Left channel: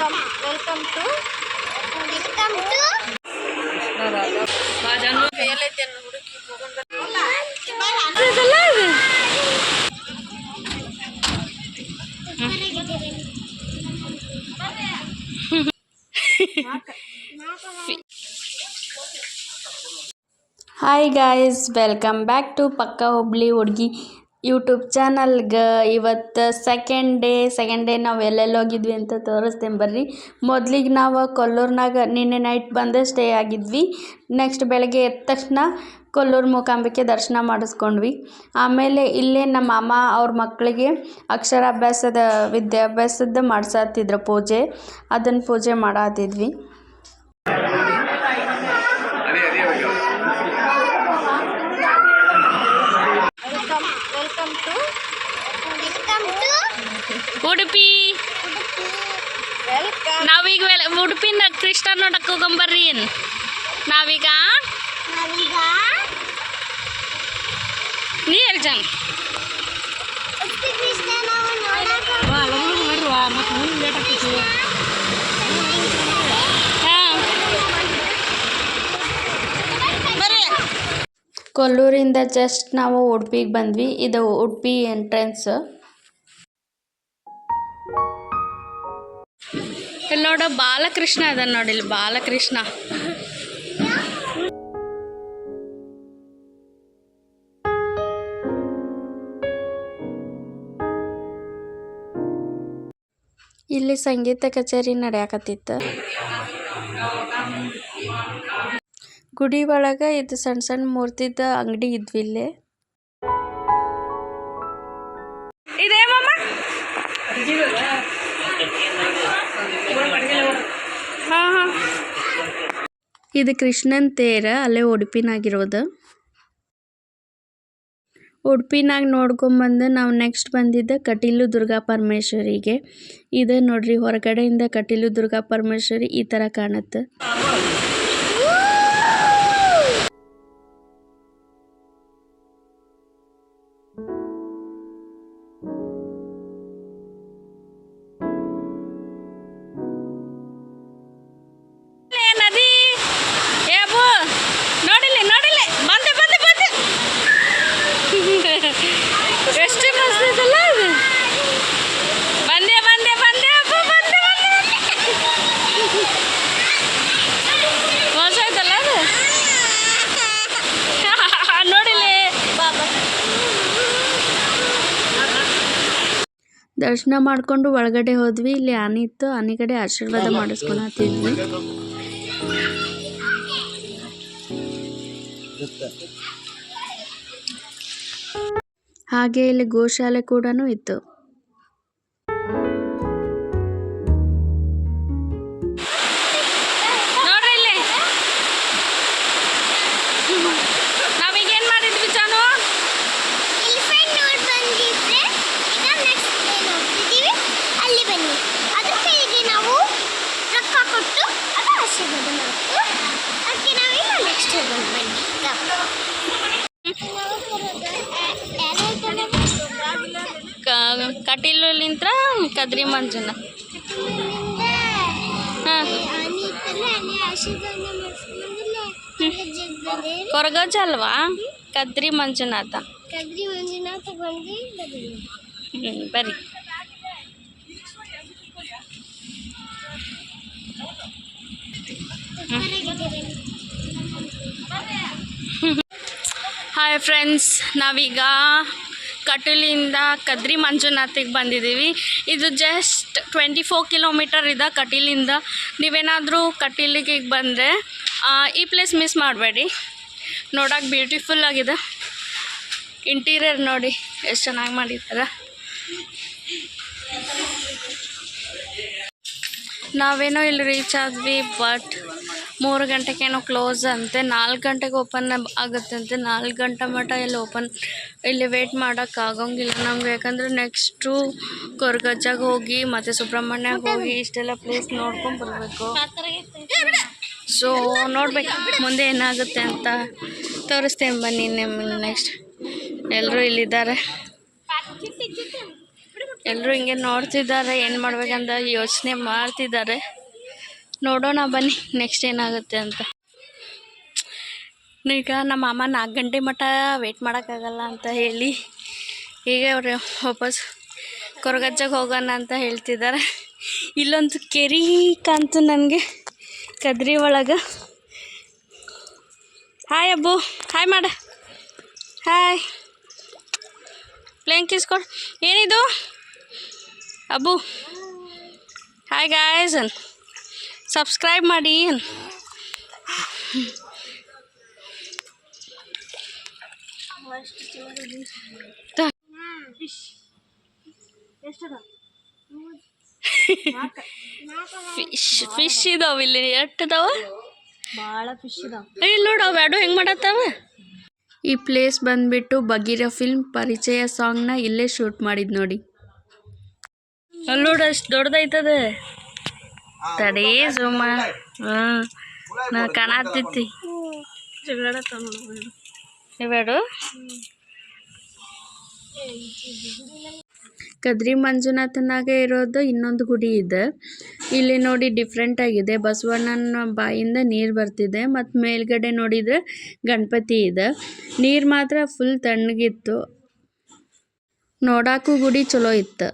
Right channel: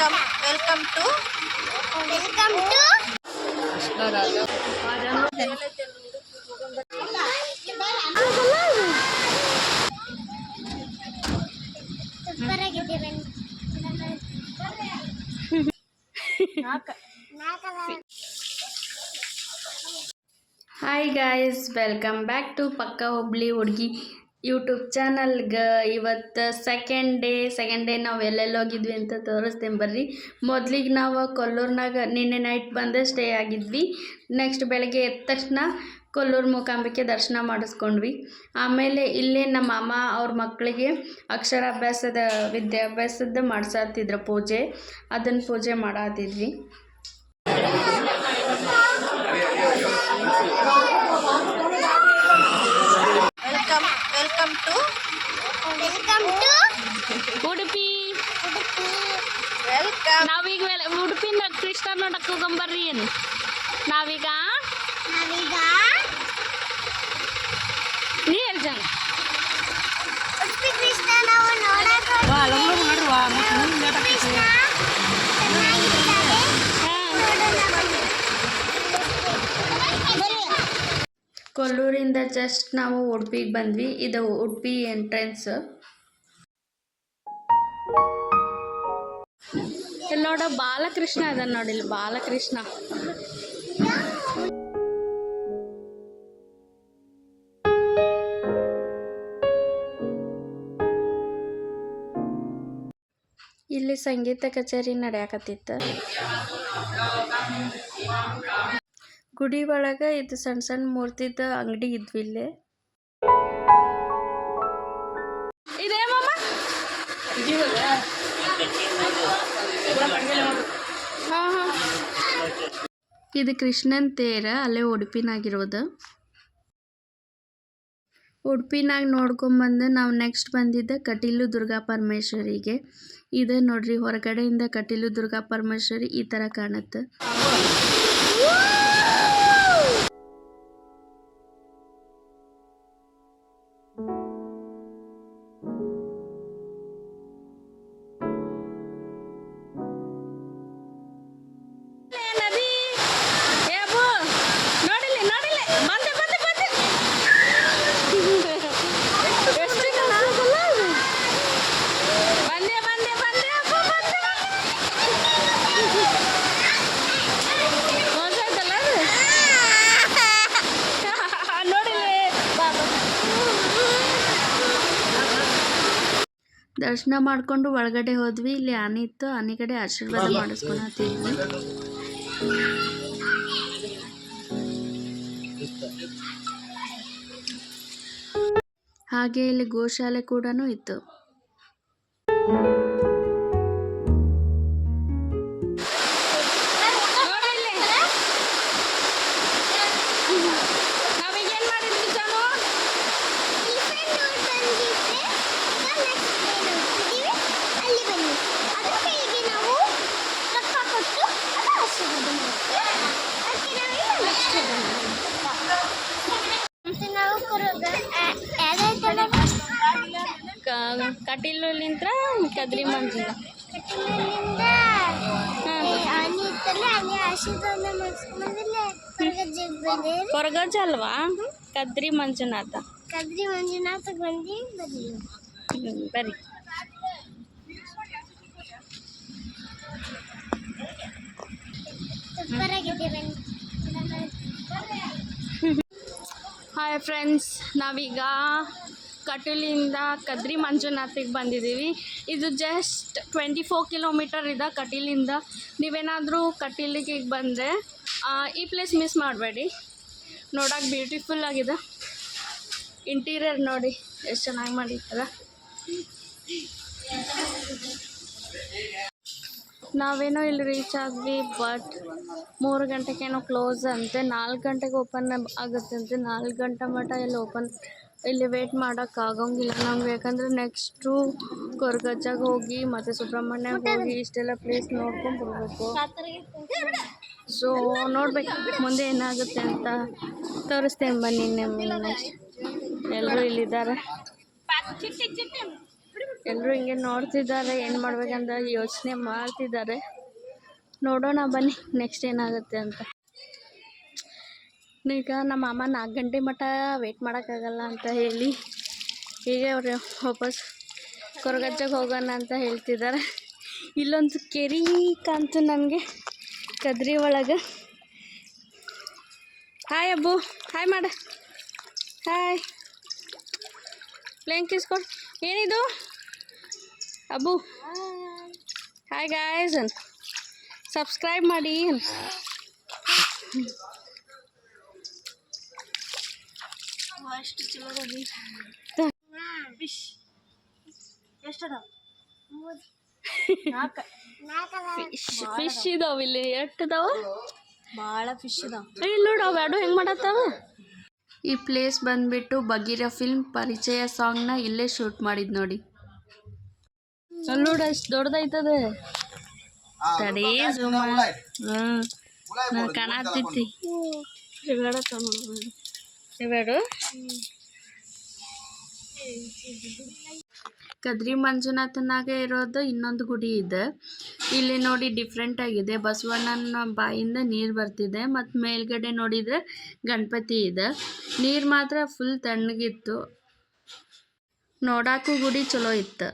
Welcome to hi guys, welcome back to ಪಕ್ಕ ಹುಬ್ಳಿ ಹುಡುಗಿ YouTube ಚಾನಲ್ಗೆ. ಇವತ್ತು ಸೆಕೆಂಡ್ ಡೇ ನಾವು ಎಲ್ಲೆಲ್ಲಿ ಹೋಗಿದ್ವಿ ಅಂತ ತೋರಿಸ್ತೇನೆ ಬರ್ರಿ. ಮೊದಲಿಗೆ ನಾವು ಕೊಲ್ಲೂರಿನಾಗ ನಿನ್ನೆ ನೈಟ್ ಬಂದು ಸ್ಟೇ ಆಗಿದ್ವಿ. ನೆಕ್ಸ್ಟ್ ಬೆಳಗ್ಗೆ ಎದ್ದ ತಕ್ಷಣ ಕೊಲ್ಲೂರು ಮೂಕಾಂಬಿಕೆ ದರ್ಶನ ಮಾಡಿಸ್ಕೊಂಡ್ವಿ. ಆಮೇಲೆ ಇಲ್ಲೇ ನಮ್ಮ ಮಾಮ ಅವ್ರ ಮಕ್ಕಳಿಗೆ ಅಕ್ಷರಾಭ್ಯಾಸದ ವಿದ್ಯಾಭ್ಯಾಸದ ಮಾಡ್ಸತ್ತಿದ್ರು ಪೂಜೆ. ಅದನ್ನು ಪೂಜೆ ಮಾಡತ್ತಿದ್ವಿ. Welcome to Udupi. ನಾವೀಗ ಉಡುಪಿನ ಕೃಷ್ಣ ನೋಡಕ್ಕೆ ಹೋಗಂಬರ್ರಿ. ನಾವೀಗ ನೀ ಎಲ್ಲಿ ಜಂಗ್ ಕೊಲ್ಲೂರಿಂದ ಜಸ್ಟ್ ನಾವು ಉಡುಪಿಗೆ ಬಂದ್ವಿ. ಇದು ಉಡುಪಿ ಎಂಟ್ರೆನ್ಸ್. ಇಲ್ಲಿ ನೋಡ ಬಾಲಕೃಷ್ಣ ಅದ ನೋಡಿ, ಇಲ್ಲಿ ಬಾಲಕೃಷ್ಣ. ಇಲ್ಲಿ ಸಂಗೀತ ಕಚೇರಿ ನಡೆಯಕತ್ತಿತ್ತು. ಗುಡಿ ಒಳಗೆ ಇದು ಸಣ್ಣ ಸಣ್ಣ ಮೂರ್ತಿದ ಅಂಗಡಿ ಇದ್ವಿ ಇಲ್ಲೇ. ಇದೇ ಮಾಮ ಹಾಂ ಇದು ಕೃಷ್ಣನ್ ತೇರ, ಅಲ್ಲೇ ಉಡುಪಿನಾಗಿರೋದು. ಉಡುಪಿನಾಗ ನೋಡ್ಕೊಂಬಂದು ನಾವು ನೆಕ್ಸ್ಟ್ ಬಂದಿದ್ದ ಕಟೀಲು ದುರ್ಗಾ ಪರಮೇಶ್ವರಿಗೆ. ಇದೆ ನೋಡ್ರಿ, ಹೊರಗಡೆಯಿಂದ ಕಟೀಲು ದುರ್ಗಾ ಪರಮೇಶ್ವರಿ ಈ ಥರ ಕಾಣುತ್ತೆ. ದರ್ಶನ ಮಾಡ್ಕೊಂಡು ಒಳಗಡೆ ಹೋದ್ವಿ. ಇಲ್ಲಿ ಆನೆ ಇತ್ತು, ಆನೆ ಕಡೆ ಆಶೀರ್ವಾದ ಮಾಡಿಸ್ಕೊಳತ್ತಿದ್ವಿ. ಹಾಗೆ ಇಲ್ಲಿ ಗೋಶಾಲೆ ಕೂಡ ಇತ್ತು. ಕಟೀಲಿಂತ್ರ ಕದ್ರಿ ಮಂಜುನ ಕೊರಗಜ್ಜ ಅಲ್ವಾ? ಕದ್ರಿ ಮಂಜುನಾಥ ಬರ್ರಿ. ಹಾಯ್ ಫ್ರೆಂಡ್ಸ್, ನಾವೀಗ ಕಟೀಲಿಂದ ಕದ್ರಿ ಮಂಜುನಾಥಿಗೆ ಬಂದಿದ್ದೀವಿ. ಇದು ಜಸ್ಟ್ 24 ಕಿಲೋಮೀಟರ್ ಇದೆ ಕಟೀಲಿಂದ. ನೀವೇನಾದರೂ ಕಟೀಲಿಗೆ ಬಂದರೆ ಈ ಪ್ಲೇಸ್ ಮಿಸ್ ಮಾಡಬೇಡಿ. ನೋಡೋಕೆ ಬ್ಯೂಟಿಫುಲ್ ಆಗಿದೆ. ಇಂಟೀರಿಯರ್ ನೋಡಿ ಎಷ್ಟು ಚೆನ್ನಾಗಿ ಮಾಡಿದ್ದಾರೆ. ನಾವೇನೋ ಇಲ್ಲಿ ರೀಚ್ ಆದ್ವಿ, ಬಟ್ 3 ಗಂಟೆಗೇನೋ ಕ್ಲೋಸ್ ಅಂತೆ. 4 ಗಂಟೆಗೆ ಓಪನ್ ಆಗುತ್ತೆ ಅಂತೆ. 4 ಗಂಟೆ ಮಟ್ಟ ಇಲ್ಲಿ ವೇಟ್ ಮಾಡೋಕ್ಕಾಗಂಗಿಲ್ಲ ನಮ್ಗೆ. ಯಾಕಂದರೆ ನೆಕ್ಸ್ಟು ಕೊರಗಜ್ಜಾಗ ಹೋಗಿ ಮತ್ತು ಸುಬ್ರಹ್ಮಣ್ಯಗೆ ಹೋಗಿ ಇಷ್ಟೆಲ್ಲ ಪ್ಲೇಸ್ ನೋಡ್ಕೊಂಡು ಬರಬೇಕು. ಸೊ ನೋಡ್ಬೇಕು ಮುಂದೆ ಏನಾಗುತ್ತೆ ಅಂತ ತೋರಿಸ್ತೇನೆ ಬನ್ನಿ. ನೆಕ್ಸ್ಟ್ ಎಲ್ಲರೂ ಇಲ್ಲಿದ್ದಾರೆ. ಎಲ್ಲರೂ ಹಿಂಗೆ ನೋಡ್ತಿದ್ದಾರೆ, ಏನು ಮಾಡ್ಬೇಕಂತ ಯೋಚನೆ ಮಾಡ್ತಿದ್ದಾರೆ. ನೋಡೋಣ ಬನ್ನಿ ನೆಕ್ಸ್ಟ್ ಏನಾಗುತ್ತೆ ಅಂತ. ಈಗ ನಮ್ಮ ಮಾಮ 4 ಗಂಟೆ ಮಟ್ಟ ವೆಯ್ಟ್ ಮಾಡೋಕ್ಕಾಗಲ್ಲ ಅಂತ ಹೇಳಿ ಈಗ ಅವರು ವಾಪಸ್ ಕೊರಗಜ್ಜಗೆ ಹೋಗೋಣ ಅಂತ ಹೇಳ್ತಿದ್ದಾರೆ. ಇಲ್ಲೊಂದು ಕೆರೆ ಕಾಣ್ತು ನನಗೆ ಕದ್ರಿ ಒಳಗೆ. ಹಾಯ್ ಅಬ್ಬು, ಹಾಯ್ ಮಾಡ, ಹಾಯ್. ಪ್ಲೇನ್ ಕಿಸ್ಕೊಡು. ಏನಿದು ಅಬ್ಬು? ಹಾಯ್ ಗಾಯ್ಸ್, ಸಬ್ಸ್ಕ್ರೈಬ್ ಮಾಡಿ. ಫಿಶ್ ಇದಾವ ಇಲ್ಲಿ, ಎಷ್ಟು ಇದಾವ? ಭಾಳ ಫಿಶ್ ಇದಾವ. ಇಲ್ಲಿ ನೋಡು ಅವು ಎರಡು ಹೆಂಗೆ ಮಾಡತ್ತಾವ. ಈ ಪ್ಲೇಸ್ ಬಂದ್ಬಿಟ್ಟು ಬಗೀರ ಫಿಲ್ಮ್ ಪರಿಚಯ ಸಾಂಗ್ನ ಇಲ್ಲೇ ಶೂಟ್ ಮಾಡಿದ್ ನೋಡಿ. ಅಲ್ಲಿ ನೋಡು ಅಷ್ಟು ದೊಡ್ಡದೈತದ. ತಡೇ ಸುಮ್ಮ ನಾ ಕಾಣತ್ತೈತಿ ಇವೆರಡು. ಕದ್ರಿ ಮಂಜುನಾಥನಾಗೆ ಇರೋದು ಇನ್ನೊಂದು ಗುಡಿ ಇದೆ. ಇಲ್ಲಿ ನೋಡಿ ಡಿಫ್ರೆಂಟ್ ಆಗಿದೆ. ಬಸವಣ್ಣನ ಬಾಯಿಂದ ನೀರು ಬರ್ತಿದೆ ಮತ್ತು ಮೇಲ್ಗಡೆ ನೋಡಿದರೆ ಗಣಪತಿ ಇದೆ. ನೀರು ಮಾತ್ರ ಫುಲ್ ತಣ್ಣಗಿತ್ತು. ನೋಡಾಕು ಗುಡಿ ಚಲೋ ಇತ್ತು.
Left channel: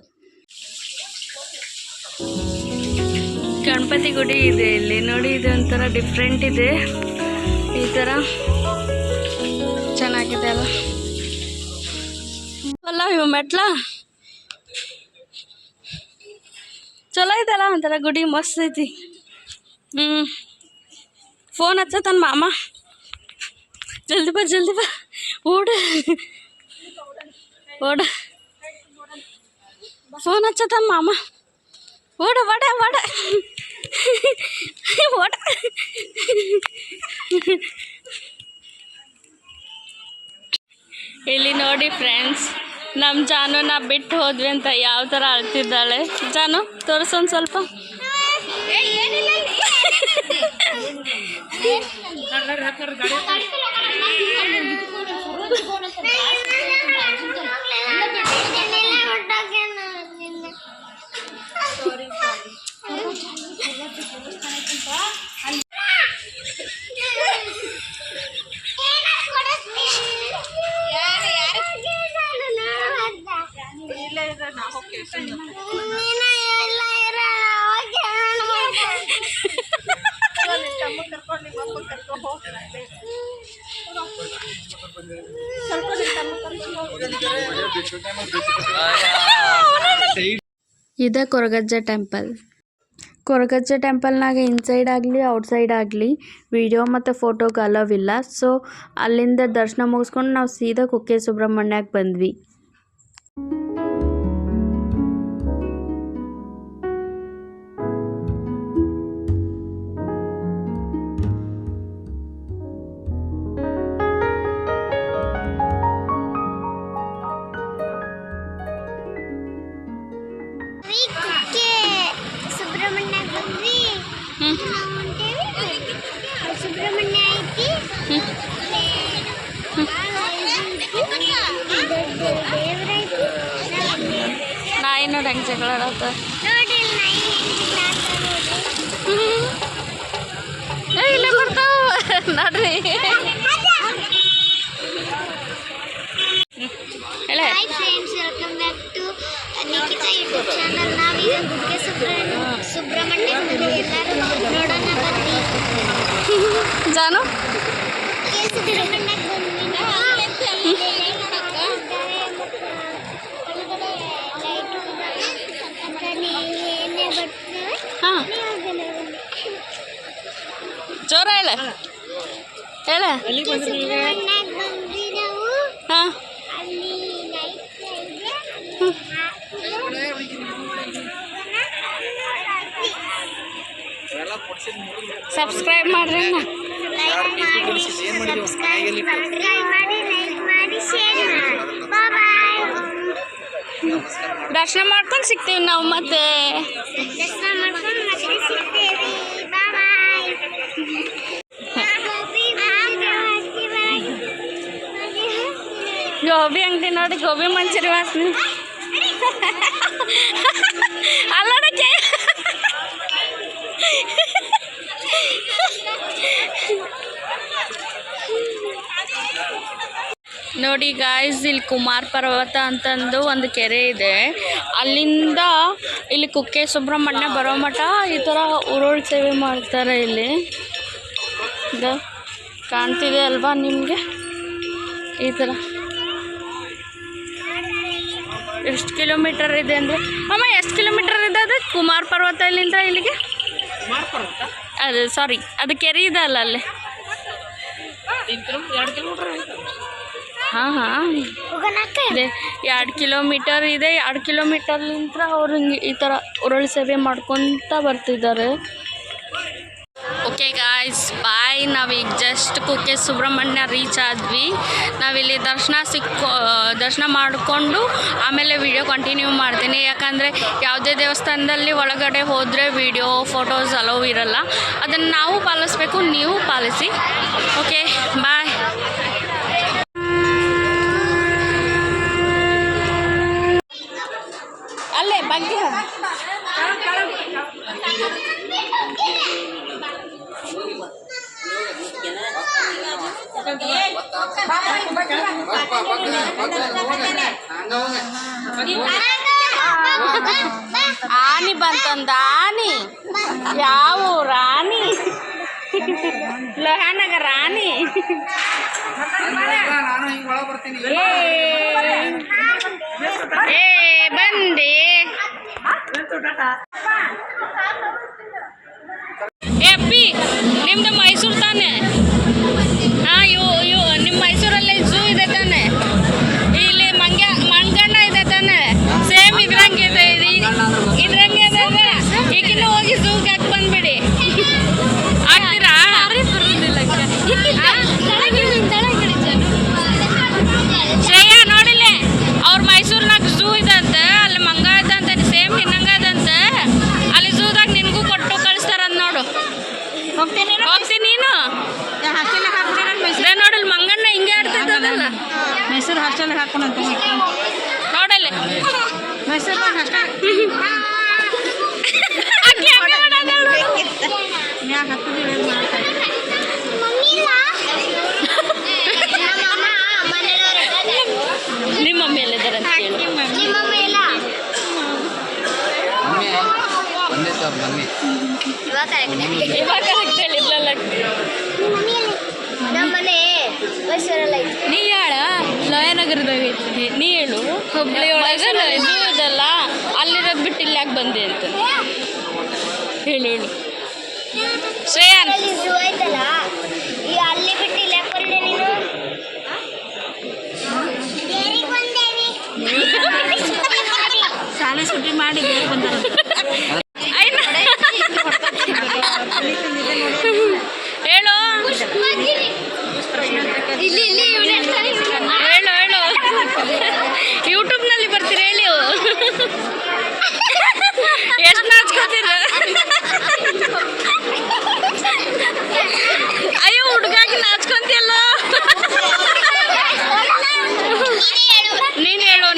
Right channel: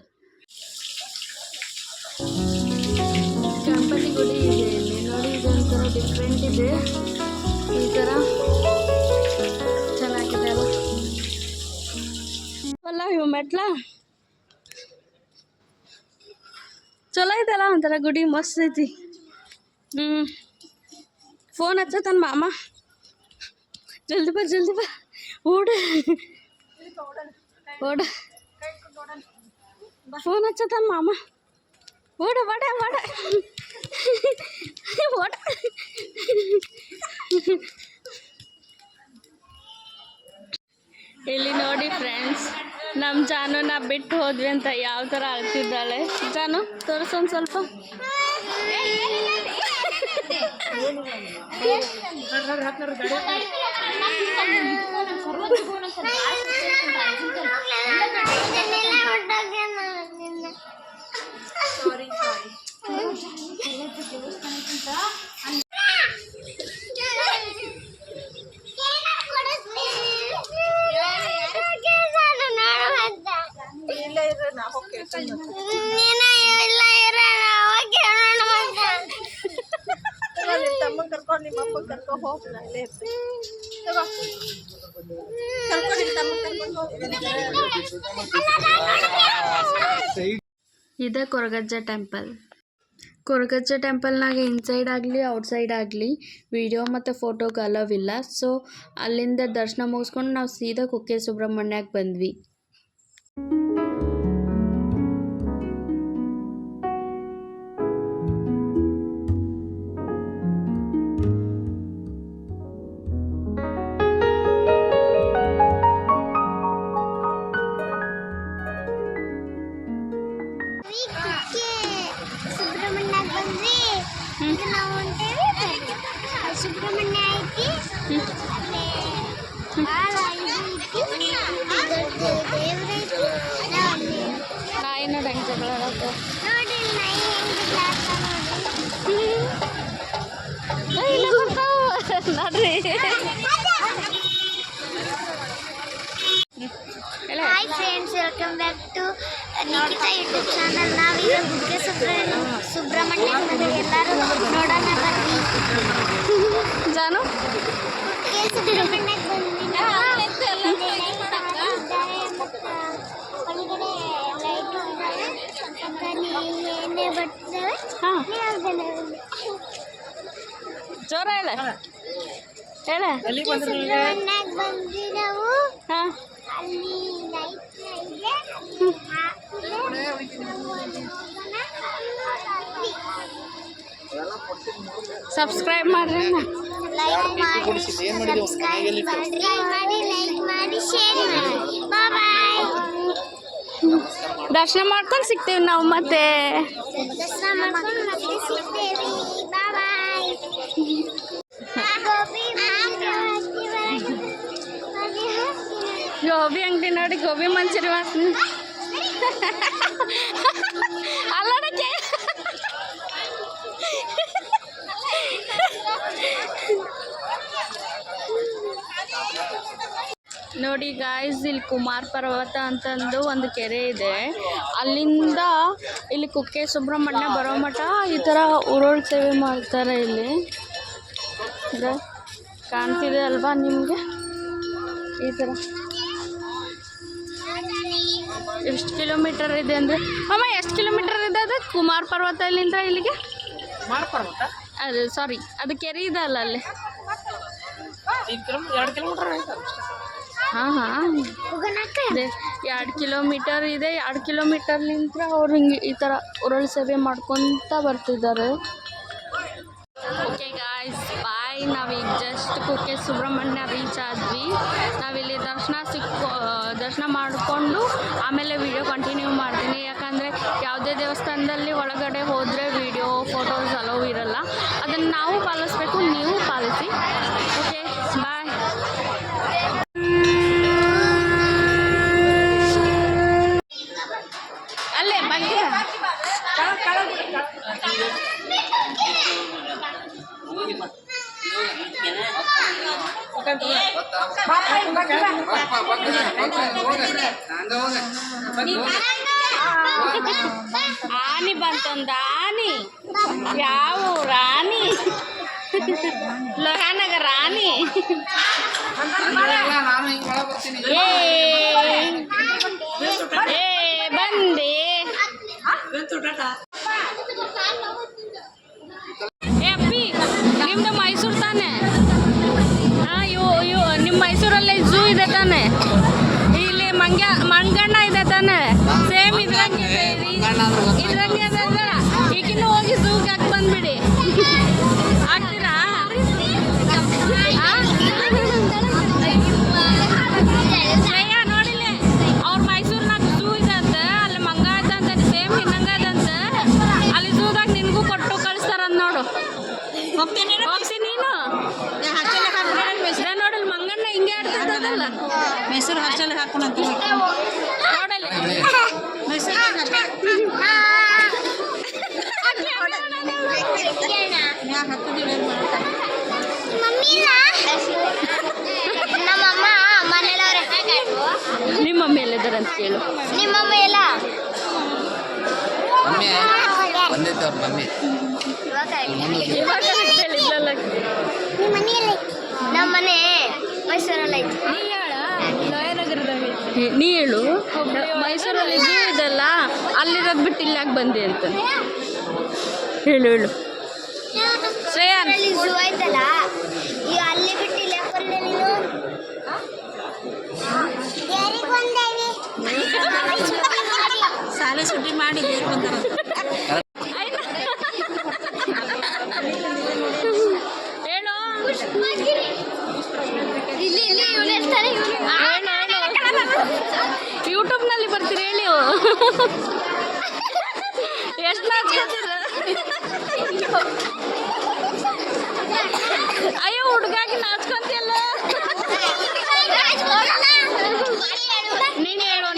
ಗಣಪತಿ ಗುಡಿ ಇದೆ ಇಲ್ಲಿ ನೋಡಿ. ಇದು ಒಂಥರ ಡಿಫ್ರೆಂಟ್ ಇದೆ, ಈ ಥರ ಚೆನ್ನಾಗಿದೆ ಅಲ್ಲ. ಅಲ್ಲ ಇವು ಮೆಟ್ಲ ಚಲೋ ಐತಲ್ಲ, ಒಂಥರ ಗುಡಿ ಮಸ್ತ್ ಐತಿ. ಫೋನ್ ಹಚ್ಚತನ ಮಾಮ, ಜಲ್ದಿ ಬಾ ಜಲ್ದಿ ಬಾ, ಓಡ ಓಡ. ಫೋನ್ ಹಚ್ಚತನ ಮಾಮ, ಓಡ ಓಡ ಓಡ ಓಡ. ಇಲ್ಲಿ ನೋಡಿ ಫ್ರೆಂಡ್ಸ್, ನಮ್ಮ ಜಾನುನ ಬಿಟ್ಟು ಹೋದ್ವಿ ಅಂತ ಯಾವ ಥರ ಅಳ್ತಿದ್ದಾಳೆ. ಜಾನು ತೋರಿಸೊಂದು ಸ್ವಲ್ಪ. ಇದೇ ಕೊರಗಜ್ಜ ಟೆಂಪಲ್. ಕೊರಗಜ್ಜ ಟೆಂಪಲ್ನಾಗ ಇನ್ಸೈಡ್ ಆಗಲಿ ಔಟ್ಸೈಡ್ ಆಗಲಿ ವಿಡಿಯೋ ಮತ್ತು ಫೋಟೋಗೆ ಅಲವ್ ಇಲ್ಲ. ಸೊ ಅಲ್ಲಿಂದ ದರ್ಶನ ಮುಗಿಸ್ಕೊಂಡು ನಾವು ಸೀದಾ ಕುಕ್ಕೆ ಸುಬ್ರಹ್ಮಣ್ಯಕ್ಕೆ ಬಂದ್ವಿ. ನಾಯಿ ನೋಡಿ ಹೆಂಗೆ ಜಗಳ ಆಡತ್ತ. ಇಲ್ಲ ಬರ್ತಾವ ನೋಡ್ರಿ. Hi friends, welcome back to Nikhita YouTube channel. ನಾವೀಗ ಕುಕ್ಕೆ ಸುಬ್ರಹ್ಮಣ್ಯ ಎಲ್ಲರೂ ನೋಡೋಣ ಬರ್ರಿ. ಜಾನು ಕುಕ್ಕೆ ಸುಬ್ರಹ್ಮಣ್ಯಕ್ಕೆ ಬಂದ್ವಿ. ಜೋರ ಹೇಳ ಹೇಳ. ಸುಬ್ರಹ್ಮಣ್ಯಕ್ಕೆ ಬಂದ್ವಿ ನಾವು. ಹಾಂ, ಅಲ್ಲಿ ಲೈಟ್ ಇದೆ. ಸಬ್ಸ್ಕ್ರೈಬ್ ಮಾಡ್ರಿ. ಲೈಕ್ ಮಾಡಿ, ಸಬ್ಸ್ಕ್ರೈಬ್ ಮಾಡಿ, ಲೈಕ್ ಮಾಡಿ, ಶೇರ್ ಮಾಡಿ. ಬಾಯ್. ದರ್ಶನ ಮಾಡ್ಕೊಂಡು ಸಿಗ್ತೀವಿ ನಾವು ಮತ್ತೆ. ದರ್ಶನ ಮಾಡ್ಕೊಂಡು ಮತ್ತೆ ಸಿಗ್ತೇವೆ. ಬಾಯ್. ಗೋಬಿ ಅಂಗಡಿ ನೋಡಿ, ಗೋಬಿ ಮಂಚೂರಿ ವಾಸನೆ. ನೋಡಿ ಗಾಯ್ಸ್, ಇಲ್ಲಿ ಕುಮಾರ ಪರ್ವತ ಅಂತಂದು ಒಂದು ಕೆರೆ ಇದೆ. ಅಲ್ಲಿಂದ ಇಲ್ಲಿ ಕುಕ್ಕೆ ಸುಬ್ರಹ್ಮಣ್ಯ ಬರೋ ಮಠ ಈ ಥರ ಉರುಳು ಸೇವೆ ಮಾಡ್ತಾರೆ. ಇಲ್ಲಿ ಕಾಣ್ತಿದೆ ಅಲ್ವಾ ನಿಮಗೆ? ಈ ಥರ ಎಷ್ಟು ಕಿಲೋಮೀಟರ್ ಇದೆ ಅಂದರೆ ಅಮ್ಮ, ಎಷ್ಟು ಕಿಲೋಮೀಟರ್ ಇದೆ ಅದು ಕುಮಾರ ಪರ್ವತ ಇಲ್ಲಿಂದ ಇಲ್ಲಿಗೆ? ಕುಮಾರ ಪರ್ವತ ಅದು ಸಾರಿ, ಅದು ಕೆರೆ ಇದೆ ಅಲ್ಲ ಅಲ್ಲಿ. 2 ಕಿಲೋಮೀಟರ್ ಆಯ್ತು. ಹಾಂ ಹಾಂ ಇದೆ, 2 ಕಿಲೋಮೀಟರ್ ಇದೆ. 2 ಕಿಲೋಮೀಟರ್ಲಿಂದ ಅವ್ರು ಹಿಂಗೆ ಈ ಥರ ಉರುಳು ಸೇವೆ ಮಾಡ್ಕೊತ ಬರ್ತಿದ್ದಾರೆ. ಓಕೆ ಗಾಯ್ಸ್, ಬಾಯ್. ನಾವೀಗ ಜಸ್ಟ್ ಕುಕ್ಕೆ ಸುಬ್ರಹ್ಮಣ್ಯ ರೀಚ್ ಆದ್ವಿ. ನಾವಿಲ್ಲಿ ದರ್ಶನ ಮಾಡಿಕೊಂಡು ಆಮೇಲೆ ವಿಡಿಯೋ ಕಂಟಿನ್ಯೂ ಮಾಡ್ತೀನಿ. ಯಾಕಂದರೆ ಯಾವುದೇ ದೇವಸ್ಥಾನದಲ್ಲಿ ಒಳಗಡೆ ಹೋದರೆ ವಿಡಿಯೋ ಫೋಟೋಸ್ ಅಲೋ ಇರಲ್ಲ. ಅದನ್ನು ನಾವು ಪಾಲಿಸ್ಬೇಕು, ನೀವು ಪಾಲಿಸಿ. Okay bye. ಅಲ್ಲೇ ಬಗ್ಗೆ ಆನಿ ಬಂತಂದ. ಆನಿ ಯಾವ ರಾಣಿ? ಲೋಹಾನಗರ ರಾಣಿ. ಏ ಬಂದೆ. ಏ ಅಪ್ಪಿ, ನಿಮ್ದು ಮೈಸೂರು ತಾನೆ? ಹಾಂ, ನಿಮ್ಮ ಮೈಸೂರಲ್ಲಿ ಝೂ ಇದೆ ತಾನೆ? ಇಲ್ಲಿ ಮಂಗಣ್ಣ ಇದೆ ತಾನೆ? ಸೇಮ್ ಇದ್ರಂಗೆ ಇದೆ. ಇದ್ರಂಗೆ ಇದೆ. ಈಗಿನ ಹೋಗಿ ಝೂಗೆ ಹಾಕಿ ಬಂದ್ಬಿಡಿ. ಆಗ್ತೀರಾ? ಶ್ರೇಯಾ ನೋಡಿಲ್ಲೇ, ಅವ್ರ ಮೈಸೂರಿನಾಗ ಝೂ ಇದೆ ಅಂತ. ಅಲ್ಲಿ ಮಂಗ ಇದ್ದಂತೆ ಸೇಮ್ ನಿನ್ನಂಗ ಇದಂತೆ. ಅಲ್ಲಿ ಝೂದಾಗ ನಿನಗೂ ಕೊಟ್ಟು ಕಳಿಸ್ತಾರಂತ ನೋಡು. ಹೋಗ್ತೀನಿ ನೀನು ನೋಡಲ್ ಮಂಗಣ್ಣ ಹಿಂಗೆ ಆಡ್ತಿದ್ದದಲ್ಲ. ಮೈಸೂರು ಹಾಸ್ಟೆಲ್ ಹಾಕೊಂಡು ನೋಡಲ್ಲ ಮೈಸೂರು ನಿಮ್ಮ ಮಮ್ಮಿ ಎಲ್ಲಿದ್ದಾರೆ ಅಂತ ಹೇಳಿ. ಇವಾಗ ಕರೆಕ್ಟ್ ಹೇಳಿದ್ಲಲ್ಲ. ನೀ ಹೇಳ, ಲೋಯನಗರದಾಗ ನೀ ಹೇಳು. ಮೈಸೂರಲ್ಲಿ ಝೂ ಇದಲ್ಲ, ಅಲ್ಲಿರೋದು ಬಿಟ್ಟು ಇಲ್ಲಿ ಯಾಕೆ ಬಂದೆ ಅಂತ ಹೇಳು. ಶ್ರೇಯನ್ ಅಲ್ಲಿ ಬಿಟ್ಟು ಇಲ್ಲ ಬಂದೆ ನೀನು. ಶಾಲೆ ಸುಟ್ಟಿ ಮಾಡಿ ಹೇಳು ಹೇಳು ಯೂಟ್ಯೂಬ್ನಲ್ಲಿ ಬರ್ತೀರಿ ಹೇಳಿ. ಎಷ್ಟು ನಾಚ್ಕೋತೀರ? ಅಯ್ಯೋ ಹುಡುಗಾಗಿ ನಾಚ್ಕೊಂತಿಯಲ್ಲ. ನೀನು ಹೇಳು.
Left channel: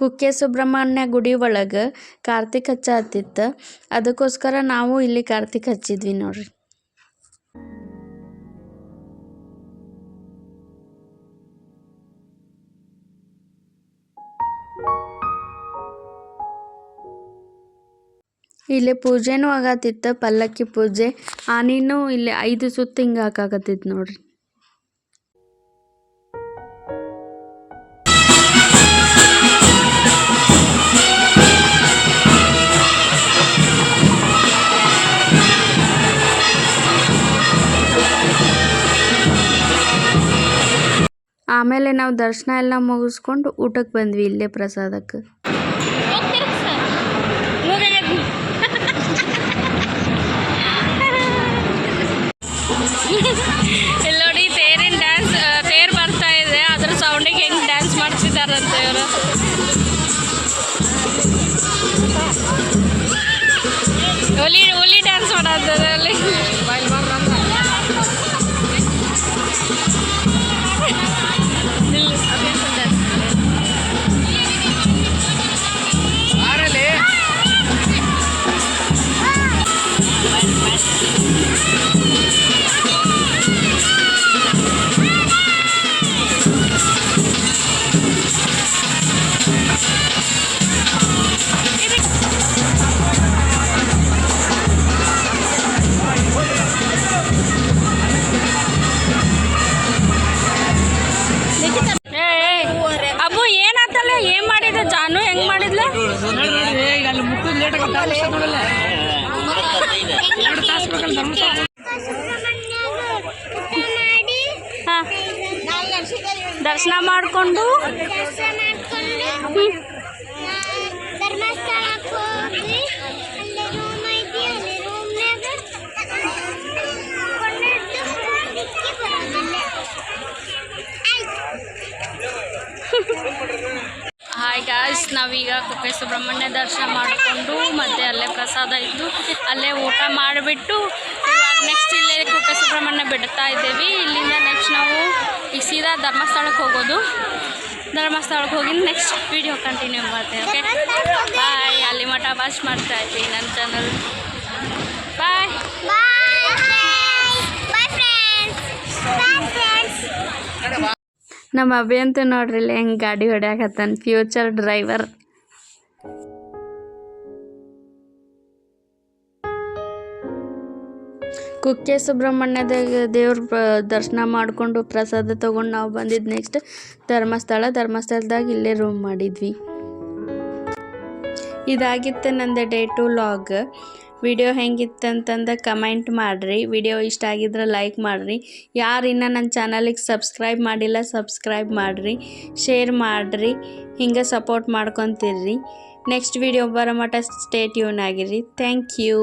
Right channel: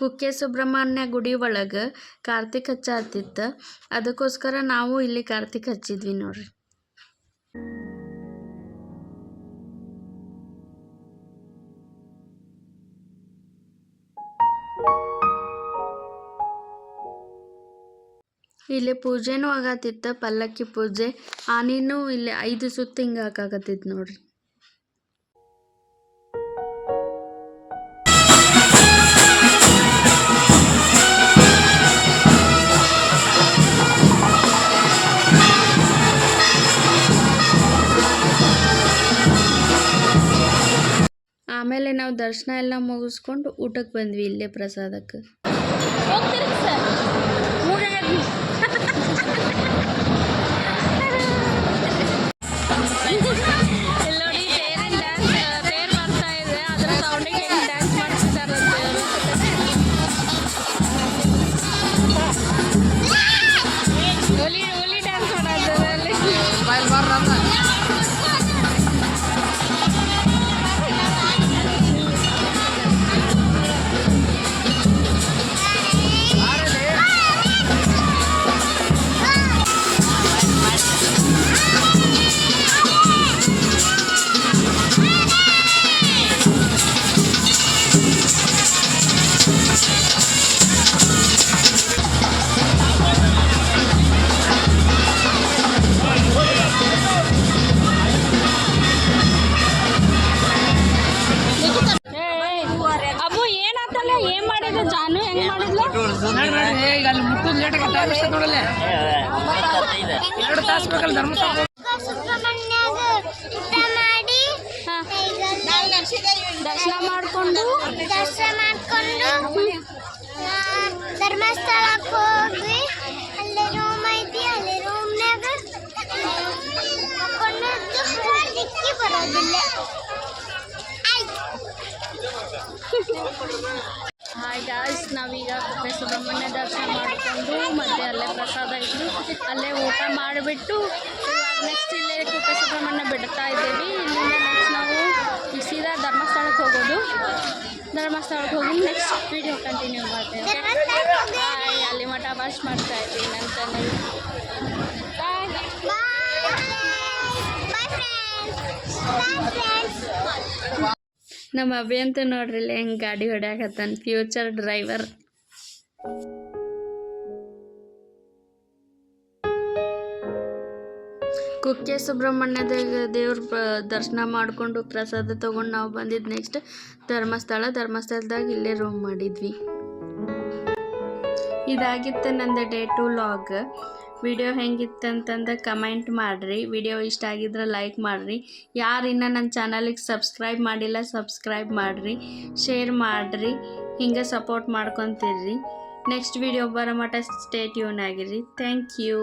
ಕುಕ್ಕೆ ಸುಬ್ರಹ್ಮಣ್ಯ ಗುಡಿ ಒಳಗೆ ಕಾರ್ತಿಕ್ ಹಚ್ಚತ್ತಿತ್ತು. ಅದಕ್ಕೋಸ್ಕರ ನಾವು ಇಲ್ಲಿ ಕಾರ್ತಿಕ್ ಹಚ್ಚಿದ್ವಿ ನೋಡ್ರಿ. ಇಲ್ಲಿ ಪೂಜೆನೂ ಆಗತ್ತಿತ್ತು, ಪಲ್ಲಕ್ಕಿ ಪೂಜೆ. ಆನಿನೂ ಇಲ್ಲಿ 5 ಸುತ್ತು ಹಿಂಗೆ ಹಾಕಾಕತ್ತಿತ್ತು ನೋಡ್ರಿ. ಆಮೇಲೆ ನಾವು ದರ್ಶನ ಎಲ್ಲ ಮುಗಿಸ್ಕೊಂಡು ಊಟಕ್ಕೆ ಬಂದ್ವಿ ಇಲ್ಲೇ ಪ್ರಸಾದಕ್ಕೆ. ಇಲ್ಲಿ ನೋಡಿ ತೇರಿನ ಡ್ಯಾನ್ಸ್, ತೇರು ಬರ್ತಾ ಇದೆ, ಅದ್ರ ಸೌಂಡಿಗೆ ಹೆಂಗೆ ಡ್ಯಾನ್ಸ್ ಮಾಡ್ತಿದ್ದಾರಂತೆ ಇವರು. ಹುಲಿ ಡ್ಯಾನ್ಸ್ ಮಾಡತ್ತದ ಅಲ್ಲಿ. ನೋಡ್ರಿ ಈಗ ಅಲ್ಲಿ ಮುಟ್ಟುದು ಲೇಟ್ ಆಗಿ ಟೈಮ್ ಇಷ್ಟ ನೋಡಲ್ಲ 2 ತಾಸು ಬೇಕಲ್ಲ ಧರ್ಮಸ್ಥಳ ಸುಬ್ರಹ್ಮಣ್ಯಾಗ ಊಟ ಮಾಡಿ ಹಾಂ ದರ್ಶನ ಮಾಡಿಕೊಂಡು ಧರ್ಮಸ್ಥಳಕ್ಕೆ ಹೋಗಿ ಅಲ್ಲಿ ರೂಮ್ ಐತಿ ಅಲ್ಲಿ ರೂಮ್ನಾಗ ಮಕ್ಕೊಂಡಿದ್ದು ಹೊರಲಿಕ್ಕೆ ಬರೋದಿಲ್ಲ ಹಾಯ್ ಗಾಯ್ಸ್ ನಾವೀಗ ಕುಕ್ಕೆ ಸುಬ್ರಹ್ಮಣ್ಯ ದರ್ಶನ ಮಾಡಿಕೊಂಡು ಮತ್ತು ಅಲ್ಲೇ ಪ್ರಸಾದ ಇದ್ದು ಅಲ್ಲೇ ಊಟ ಮಾಡಿಬಿಟ್ಟು ಇವಾಗ ನೆಕ್ಸ್ಟ್ ಇಲ್ಲೇ ಕುಕ್ಕೆ ಸುಬ್ರಹ್ಮಣ್ಯ ಬಿಡ್ತಾ ಇದ್ದೀವಿ. ಇಲ್ಲಿಂದ ನೆಕ್ಸ್ಟ್ ನಾವು ಈಗ ಸೀದಾ ಧರ್ಮಸ್ಥಳಕ್ಕೆ ಹೋಗೋದು. ಧರ್ಮಸ್ಥಳಕ್ಕೆ ಹೋಗಿ ನೆಕ್ಸ್ಟ್ ವಿಡಿಯೋ ಕಂಟಿನ್ಯೂ ಮಾಡ್ತೇವೆ. Okay bye. ಅಲ್ಲಿ ಮಠ ವಾಚ್ ಮಾಡ್ತಾ ಇದ್ದೀವಿ ನನ್ನ ಚಾನಲ್. ಬಾಯ್ ನಮ್ಮ ಅಭಿ ಅಂತ ನೋಡ್ರಿ ಇಲ್ಲಿ ಹೆಂಗೆ ಗಾಡಿ ಹೊಡ್ಯಾಕತ್ತಾನ, ಫ್ಯೂಚರ್ ಡ್ರೈವರ್. ಕುಕ್ಕೆ ಸುಬ್ರಹ್ಮಣ್ಯದಾಗ ದೇವ್ರ ದರ್ಶನ ಮಾಡಿಕೊಂಡು ಪ್ರಸಾದ ತೊಗೊಂಡು ನಾವು ಬಂದಿದ್ದು ನೆಕ್ಸ್ಟ್ ಧರ್ಮಸ್ಥಳದಾಗ ಇಲ್ಲೇ ರೂಮ್ ಮಾಡಿದ್ವಿ. ಇದಾಗಿತ್ತು ನಂದು ಡೇ 2 ಲಾಗ್. ವಿಡಿಯೋ ಹೆಂಗಿತ್ತಂತಂದು ಕಮೆಂಟ್ ಮಾಡಿರಿ. ವಿಡಿಯೋ ಇಷ್ಟ ಆಗಿದ್ರೆ ಲೈಕ್ ಮಾಡಿರಿ. ಯಾರು ಇನ್ನೂ ನನ್ನ ಚಾನಲಿಗೆ ಸಬ್ಸ್ಕ್ರೈಬ್ ಮಾಡಿಲ್ಲ ಸಬ್ಸ್ಕ್ರೈಬ್ ಮಾಡಿರಿ, ಶೇರ್ ಮಾಡಿರಿ, ಹಿಂಗೆ ಸಪೋರ್ಟ್ ಮಾಡ್ಕೊತಿರ್ರಿ. ನೆಕ್ಸ್ಟ್ ವಿಡಿಯೋ ಬರೋ ಮಟ್ಟ ಸ್ಟೇ ಟ್ಯೂನ್ ಆಗಿರಿ. Thank you.